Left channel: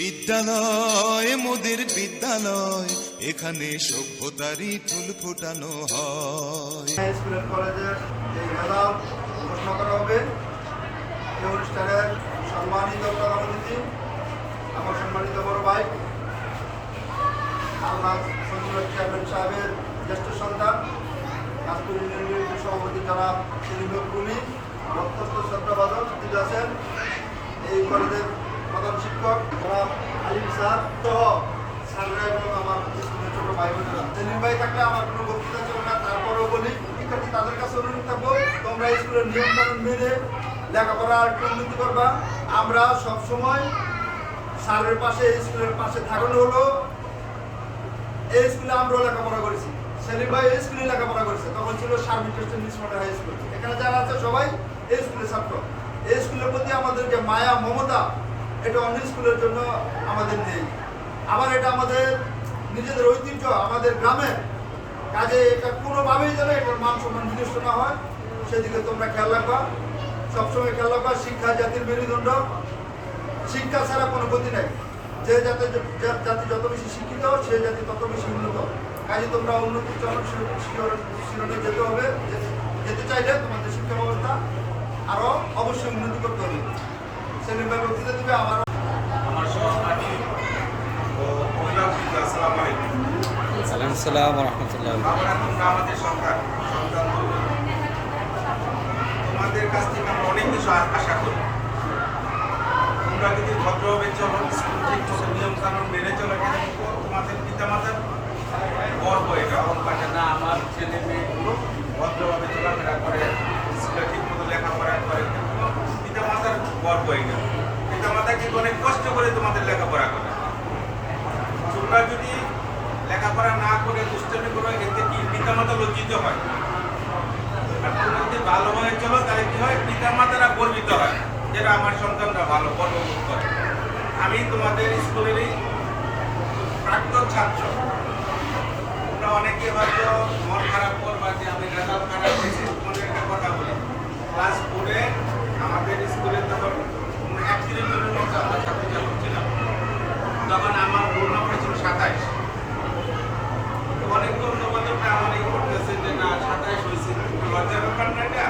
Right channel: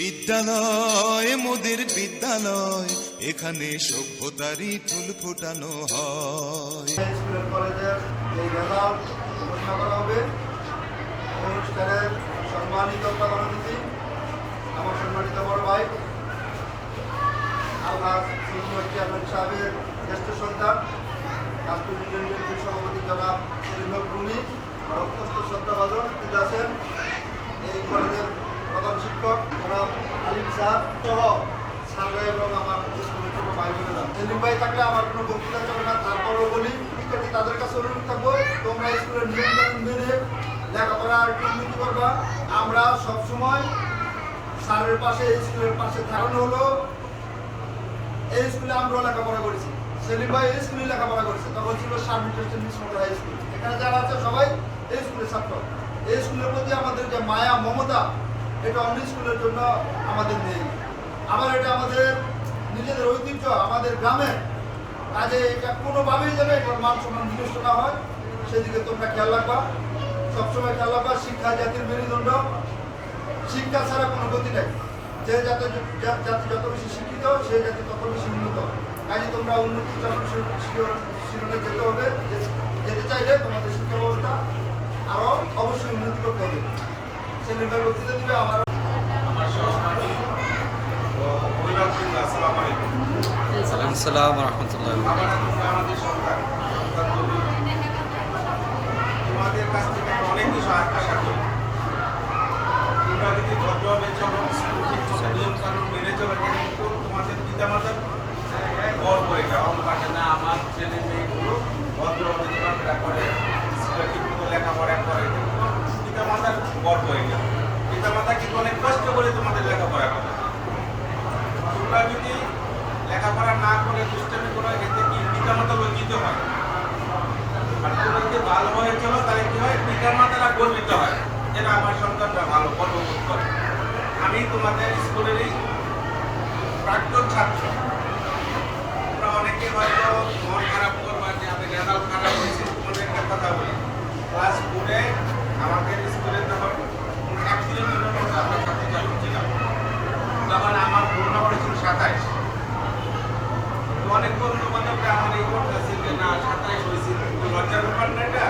বিদ্যালয় মোদের বিদ্যালয়, এখানে সভ্যতারই ফুল ফোটানো হয়। স্কুল কলেজের এই রেজাল্ট ঘোষণা করা হবে। এই অনুষ্ঠানের সম্মানিত প্রধান অতিথি আমার সম্মানিত বড় ভাই আলহাজ সিনিয়র চেয়ারম্যান সাহেবের জ্যেষ্ঠ সন্তান রাষ্ট্র ইউনিয়নের সভাপতি জনাব সেলিম রুমি, অত্যন্ত শ্রদ্ধাভাজন তিনি আছেন। এই কলেজের প্রধান শিক্ষক জনাব আলিম স্যার সহ স্যাররা এবং আমার স্কুলের ছোট ভাই বোনেরা। সেলিম ভাই থাকলে আমার কোনো বক্তব্য চলবে না, তারপরও বলি শিক্ষার্থী তাদের কাছে অনুরোধ থাকবো তোমরা স্কুলের নিয়ম কানুন মেনে লেখাপড়া একটু উন্নতি করবা। আমরা সবসময় স্যারের পাশে স্কুলের পাশে থাকানো হলো। এই স্কুলে আমরাও লেখাপড়া করেছি, সেলিম ভাই এই স্কুলে লেখাপড়া করেছে, তখন ছিল Sharmin miss model high school. এখানে যারা আছে সবাই এই স্কুলের ছাত্র। এই স্কুলের প্রতি আমাদের যে মায়া মমতা, এটা অন্য স্কুলের জন্য আমাদের নেই। আবার এটা আমাদের নিজেদের ঐতিহ্য, আমাদের গ্রামের কাজে এটা কোনোভাবেই যেন এটার মান সম্মান বিনষ্ট না হয়, সেদিকে তোমরা খেয়াল রাখবা। সবসময় খেয়াল রাখবা, শিক্ষা জাতির মেরুদণ্ড, শিক্ষা ছাড়া কোনো গতি নেই। যে জাতি যত বেশি শিক্ষিত, সে জাতি তত বেশি উন্নত। কাজে তোমরা উন্নতির চরম শিরোনে যেতে চাইলে তোমাদের শিক্ষা ব্যবস্থা আরও অবশ্যই উন্নতি করতে হবে। সেলিম ভাই বক্তৃতা দেবে। আমার সহপাঠী ও অভিভাবক, আসসালামু আলাইকুম। আসসালামু রাহমাতুল্লাহ। আমাদের সন্তান তোমাদের কাছ থেকে আমরা অনেক কিছু আশা করি। তোমরা যদি ভদ্রভাবে চলো, স্কুল ঠিক মতো নিয়ম কানুন মেনে চলো, এটা কিন্তু তোমাদের পিতামাতার গর্ব। এটা অহংকার না, আমার ছেলে মেয়েগুলো ভদ্রভাবে চলাফেরা করে, স্কুলে ঠিক মতো লেখাপড়া করে, পিতামাতার গর্ব। এটা পিতামাতা কিন্তু অনেক কষ্ট করে তোমাদের লেখাপড়া করে। তোমরা যদি লেখাপড়া না করে দুষ্টামি করো, এতে কি পিতামাতা লজ্জিত হয়। আর তোমরা যদি ভালোভাবে চলো, তাহলে কি হয়, পিতামাতারা গর্বিত হয়, যেটা আমার সন্তানরা ভালো গর্ববোধ করে। আমি তোমাদের স্কুলেরই প্রাক্তন ছাত্র। তোমরা অনেকে হয়তো মন খারাপ করবা যে আমি রেজাল্ট খারাপ হয়েছে। তোমাদের একটা কথা বলি, ক্লাস 4-এ আমাদের স্কুলে তখন 31 জনের মতো আমরা ছাত্রছাত্রী ছিলাম। তখন আমার রোল নম্বর ছিল 27। অনেক বন্ধু বান্ধবরা আমার এই করতেছে যে না 27 হয়েছে, লজ্জার ব্যাপার না, এটা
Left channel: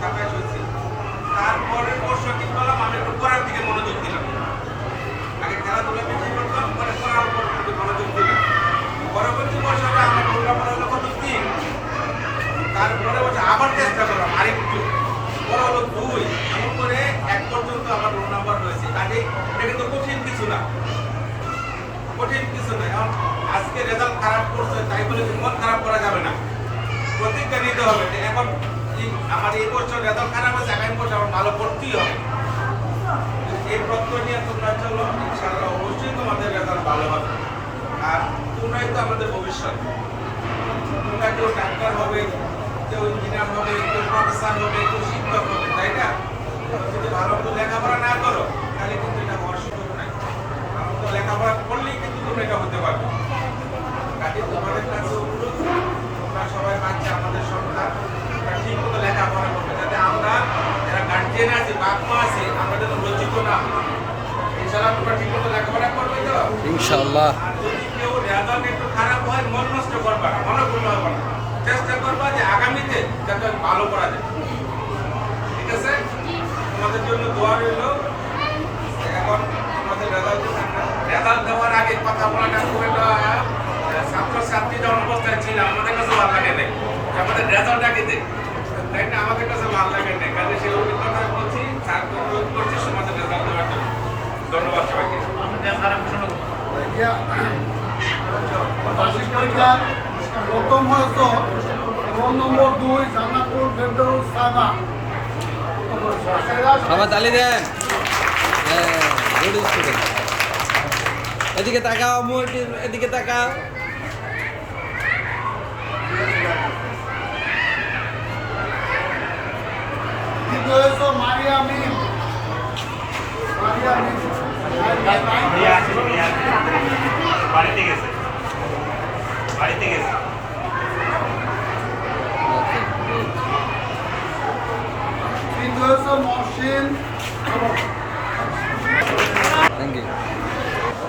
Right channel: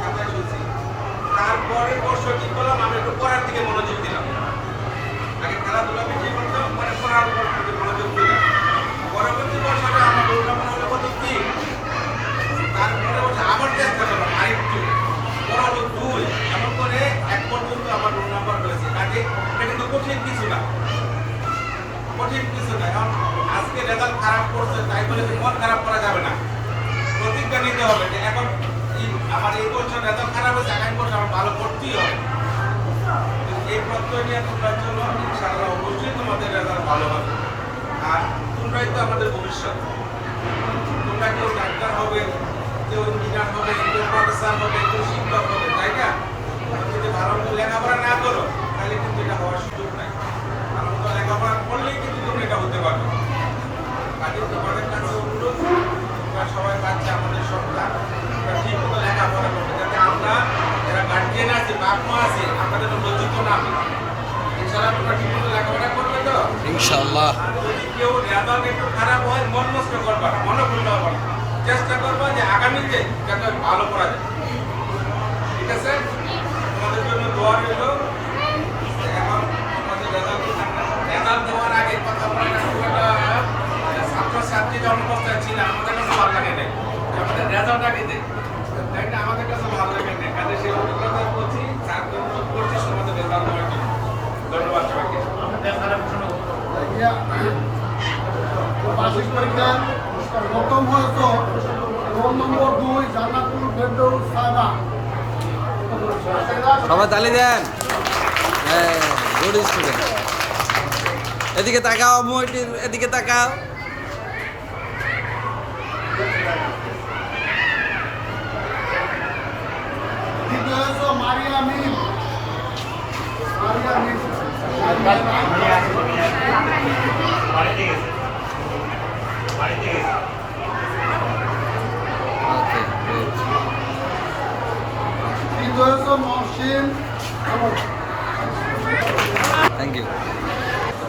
27 হয়েছে। তারপরের বর্ষ কি করলাম, আমি একটু পড়ার দিকে মনোযোগ দিলাম। আগে খেলাধুলা বেশি করতাম, পরে পড়ার দিকে মনোযোগ দিলাম। পরবর্তী বছরে আমার রোল নম্বর হলো কত 3। তারপরে বছর আবার চেষ্টা করলাম আরেকটু, পরে হলো 2। এমন করে 1 পর্যন্ত আমার রোল নাম্বার হয়েছে। কাজে এটা কিন্তু কঠিন কিছু না, কঠিন কিছু না। এখন আজকে রেজাল্ট খারাপ করছে তাই বলে মন খারাপ করা যাবে না। প্রতিজ্ঞা নিতে হবে যে এখন আমার এই বছর রেজাল্ট খারাপ হয়েছে, আগামী বছর আমার ভালো করতেই হবে। এই প্রত্যয় নিয়ে তোমরা চলো, ইনশাআল্লাহ অবশ্যই তোমাদের রেজাল্ট ভালো হবে। আর তোমরাই তো আমাদের ভবিষ্যৎ। তোমরা কেউ ডাক্তার হবে, কেউ ইঞ্জিনিয়ার হবে, কেউ প্রফেসর হবে, কেউ শিক্ষক হবে, তাই না? যদি ভালো মতো লেখাপড়া না করো, তাহলে কিন্তু এটা হওয়ার সুযোগ নাই। ভালো মতো লেখাপড়া করলেই কিন্তু তোমরা এটা হতে পারবে। কাজে তোমাদের কাছে অনুরোধ, তোমরা সবাই বাচ্চা, আমাদের সন্তান, তোমরা ঠিক মতো লেখাপড়া করবে, যাতে আমরা যারা গার্জিয়ান আছে, বাপ মা আছে, আমরা যেন লজ্জিত না হই। ইনশাআল্লাহ তোমরা ঠিক মতো লেখাপড়া করবে তো ইনশাআল্লাহ। আর যদি কেউ রেজাল্ট একটু খারাপ হয়, মন নষ্ট করবা না, মনোক্ষুণ্ণ হবে না। চেষ্টা করবা যে আগামীতে যাতে ভালো করা যায়। ঠিক আছে? তোমাদের জন্য দোয়া রইল। এখন আমাদের রেজাল্ট দেওয়ার আগে কথা বলাটা খুব একটা ছাত্রছাত্রী যখন অবস্থায় ছিল আমাদের কাছে ভালো লাগে নাই, আমাদের রেজাল্ট আগে দেয়, তাই না? আমাদের কাছে ভালো লাগে নাই। কাজে সেই অভিজ্ঞতা বলছি, স্যারকে অনুরোধ করছি সমাজের রেজাল্ট দেওয়ার জন্য। ধন্যবাদ সবাইকে। বার্ষিক পরীক্ষা প্রথম হয়েছ রোল নম্বর 2 জান্নাতুল ফেরদৌস সাইমা। সবাই তালি দেন। হ্যাঁ, গুড স্টুডেন্ট। এদিকে তাকাও, মুইটির এদিকে তাকাও। দ্বিতীয় হয়েছ মারিয়া মিম। বাড়িতে গেছে। ওকে, তৃতীয় হয়েছ মহসিন। Thank you.